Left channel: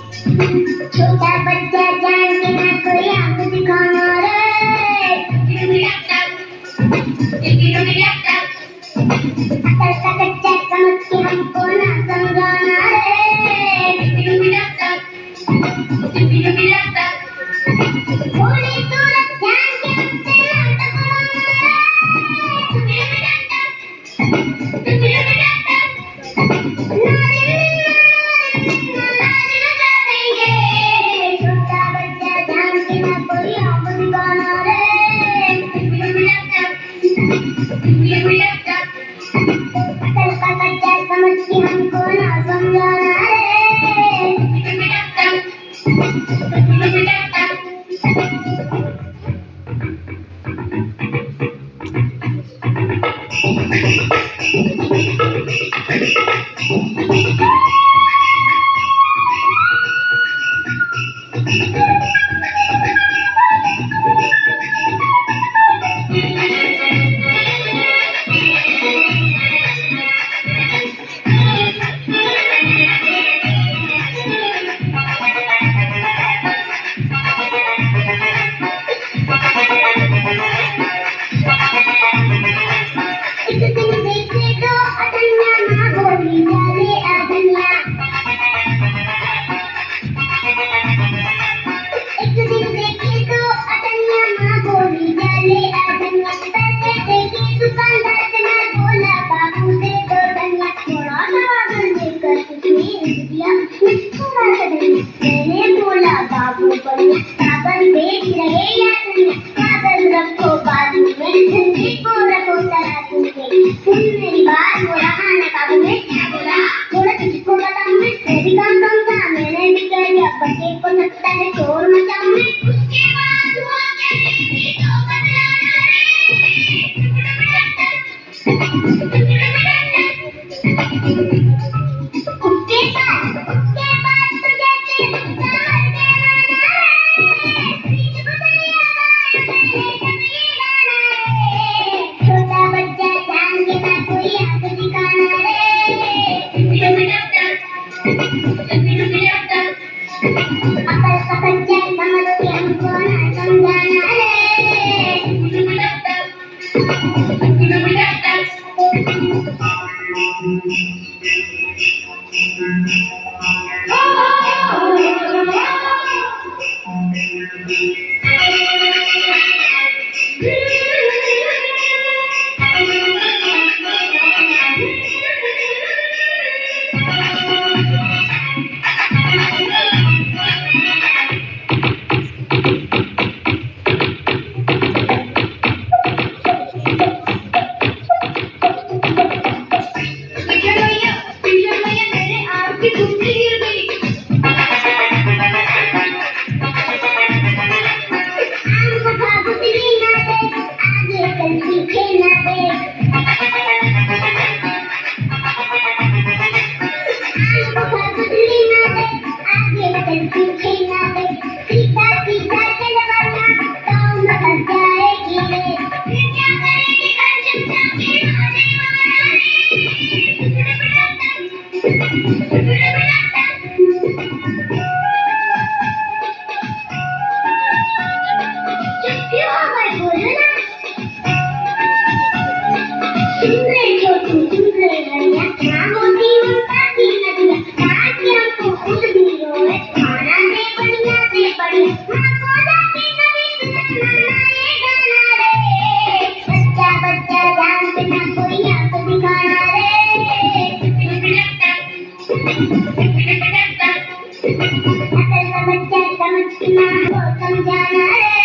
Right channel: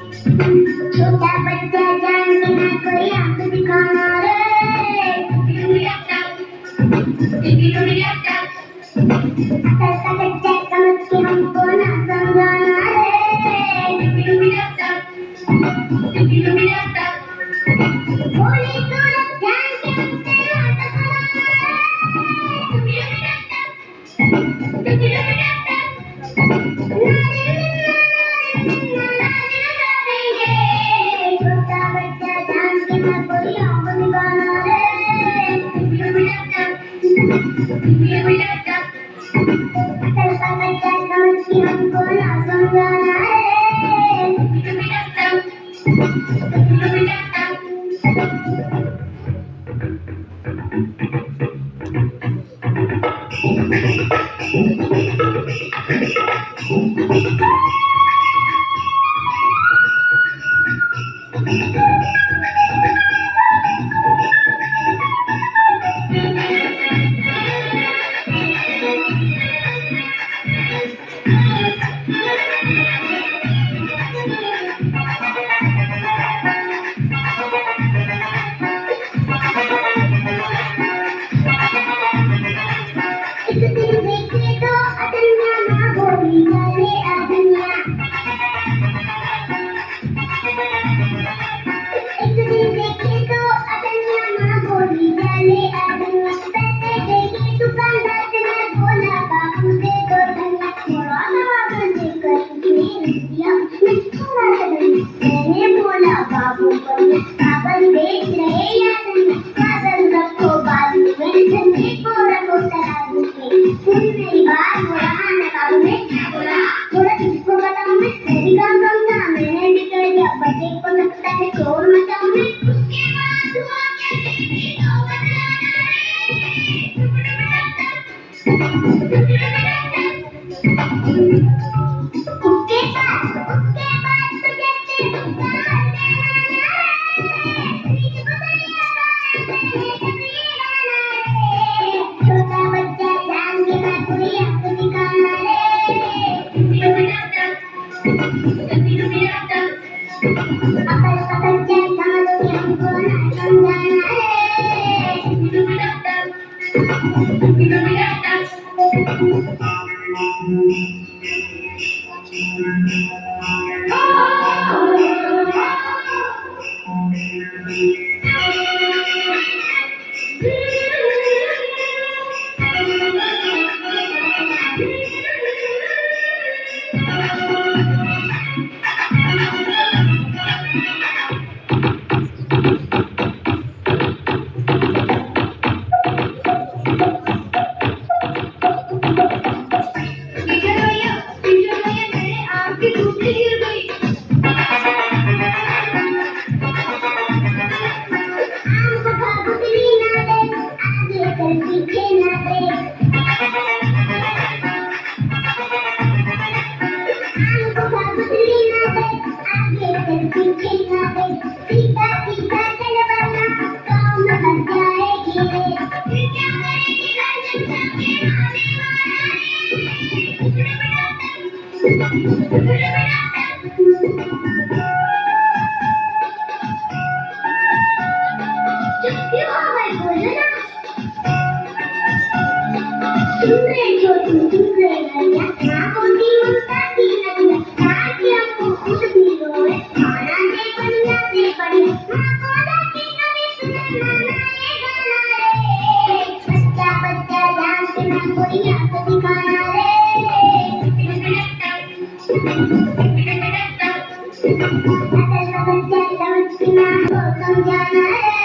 छोटा बच्चा जान के ना कोई आंख दिखाना रे अकल का कच्चा समझ के हमको ना समझाना रे भोली सूरत जान के हमसे ना टकराना छोटा बच्चा जान के ना कोई आंख दिखाना रे अकल का कच्चा समझ के हमको ना समझाना एक दिन देखे तो अदन्या माँ बोली डाले अदन्या एक दिन देखे तो अदन्या माँ बोली डाले अदन्या पैसे देके दुकानदार से मैं बोला बाबू दे दो धनिया थोड़ा सा वजन देकर उसने रख दिया थोड़ा सा धनिया मैंने बोला बाबू बनिया कागज बेच रहे या धनिया कागज रखो बाजू में धनिया को रखो तराजू पे तुम मेरी बात बोला खाना काबू में बोला थोड़ा तुझको बताऊं मैं भी काम करूंगा मैंने भी कह दिया बच्चे को लगता है शोर मचाऊं मैं उसके बाद हुआ क्या तो उसके बाद तो जैसे छोटा बच्चा जान के ना कोई आंख दिखाना रे अकल का कच्चा समझ के हमको ना समझाना मेरे आँख की धूली गिर गई आम को भागुतली ना दे आगे चल पीछे ना दे आम को भागुतली ना दे आगे चल पीछे ना दे सीधा सीधा चल वरना पाँव में फंस जाएगी रे फिर क्या करेगी घर जब जाके आने चुप क्यों हो गए बोलो ना सुन रहे छोटू सुन रहे भैया माँ बोलती हूँ ताकि नदिया आज के हमको खुद भी रोए खाना दे बढ़िया से बढ़िया माँ को जाके कभी सुनाना ये गाना रे बच्चा बच्चा जान के ना कोई आंख दिखाना रे अकल का बच्चा समझना को समझाना रे